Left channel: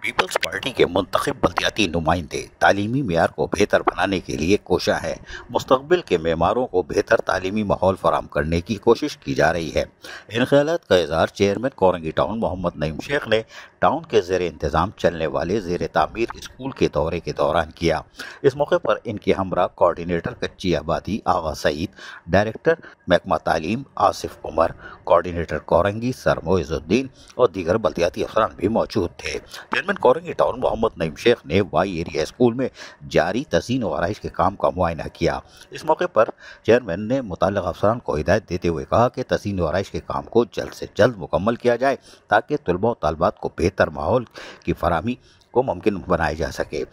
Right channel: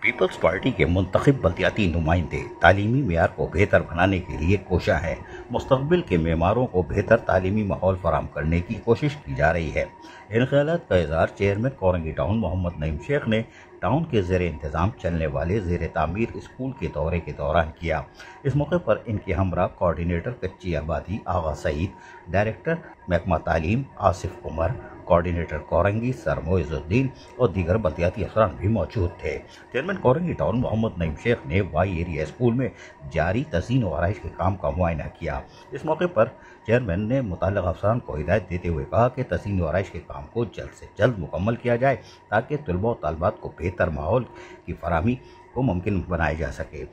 Peoples party کے منتخب بلدیاتی نمائندے تعلیمی معیار کو بہتر بنانے کے لیے کوشاں ہیں۔ مستقبل کے معماروں کو بہتر تعلیمی ماحول فراہم کرنے کی کوشش کی جا رہی ہے۔ ان خیالات کا اظہار چیئرمین کورنگی ٹاؤن محمد نعیم شیخ نے ٹاؤن کے زیر انتظام چلنے والے زیر تعمیر اسکول کے دورے کے دوران کیا۔ اس موقع پر ان کے ہمراہ کوارڈینیٹر کچی آبادی آغا سعید، ڈائریکٹر محکمہ تعلیم آصف عمر، کوارڈینیٹر کورنگی سر معز الدین اور دیگر بلدیاتی افسران بھی موجود تھے۔ چیئرمین کورنگی ٹاؤن محمد نعیم شیخ نے وائی ایریا اسکول میں جاری تزئین و آرائش کے کام کا معائنہ کیا۔ اس موقع پر چیئرمین نے متعلقہ افسران کو ہدایت دیتے ہوئے کہا کہ تزئین و آرائش کے کام کو جلد سے جلد مکمل کیا جائے تاکہ طلباء و طالبات کو بہتر ماحول کی فراہمی کو ممکن بنایا جا سکے۔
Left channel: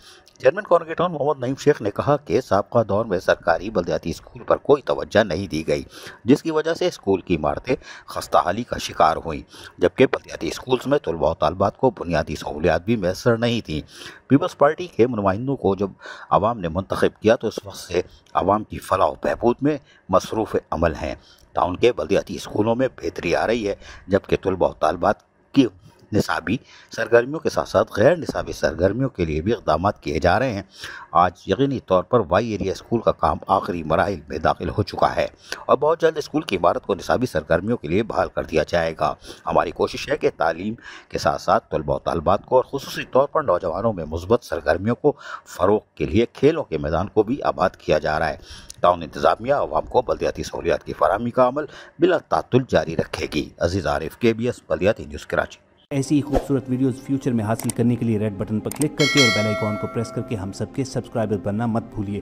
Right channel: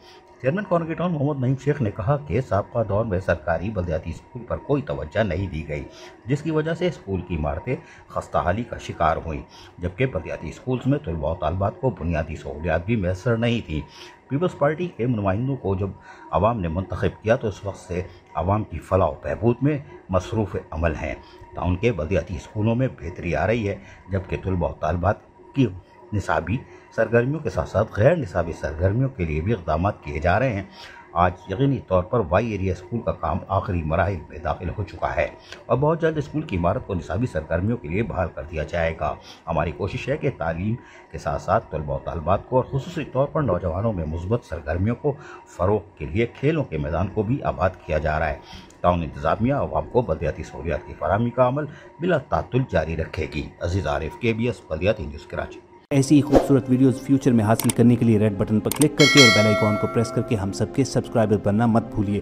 چیئرمین کورنگی ٹاؤن محمد نعیم شیخ نے کہا کہ سابقہ دور میں سرکاری بلدیاتی اسکول پر کوئی توجہ نہیں دی گئی، جس کی وجہ سے اسکول کی عمارتیں خستہ حالی کا شکار ہوئیں، جبکہ بلدیاتی اسکولز میں طلباء و طالبات کو بنیادی سہولیات بھی میسر نہیں تھیں۔ پیپلز پارٹی کے نمائندوں کو جب عوام نے منتخب کیا تو اس وقت سے عوام کی فلاح و بہبود میں مصروف عمل ہیں۔ ٹاؤن کے بلدیاتی اسکولوں میں بہتری آ رہی ہے، جبکہ طلباء و طالبات کی نصابی سرگرمیوں کے ساتھ ساتھ غیر نصابی سرگرمیوں کے لیے بھی اقدامات کیے جا رہے ہیں۔ آج یقینی طور پر وائی ایریا اسکول کا کام آخری مراحل میں داخل ہو چکا ہے اور بہت جلد اسکول کی عمارت کو نصابی سرگرمیوں کے لیے بحال کر دیا جائے گا۔ ہماری کوشش ہے کہ تعلیم کے ساتھ ساتھ طلباء و طالبات کو اور خصوصی طور پر نوجوانوں میں مثبت سرگرمیوں کو فروغ کے لیے کھیلوں کے میدان کو بھی آباد کیا جا رہا ہے۔ ٹاؤن انتظامیہ عوام کو بلدیاتی سہولیات کی فراہمی کا عمل بلا تعطل جاری رکھے گی۔ عزیز عارف، KBS بلدیاتی نیوز کراچی۔ ایسی ہی خوبصورت ویڈیوز فیوچر میں حاصل کرنے کے لیے ریڈ بٹن پر کلک کر کے اور بیل آئیکن کو پریس کر کے ہم سب کے سبسکرائبر بننا مت بھولیے۔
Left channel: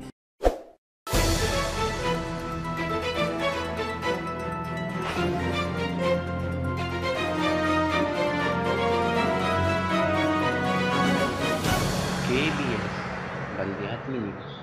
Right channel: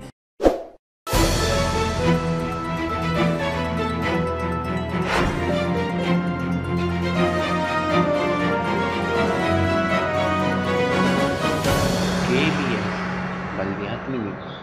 KBS بلدیاتی نیوز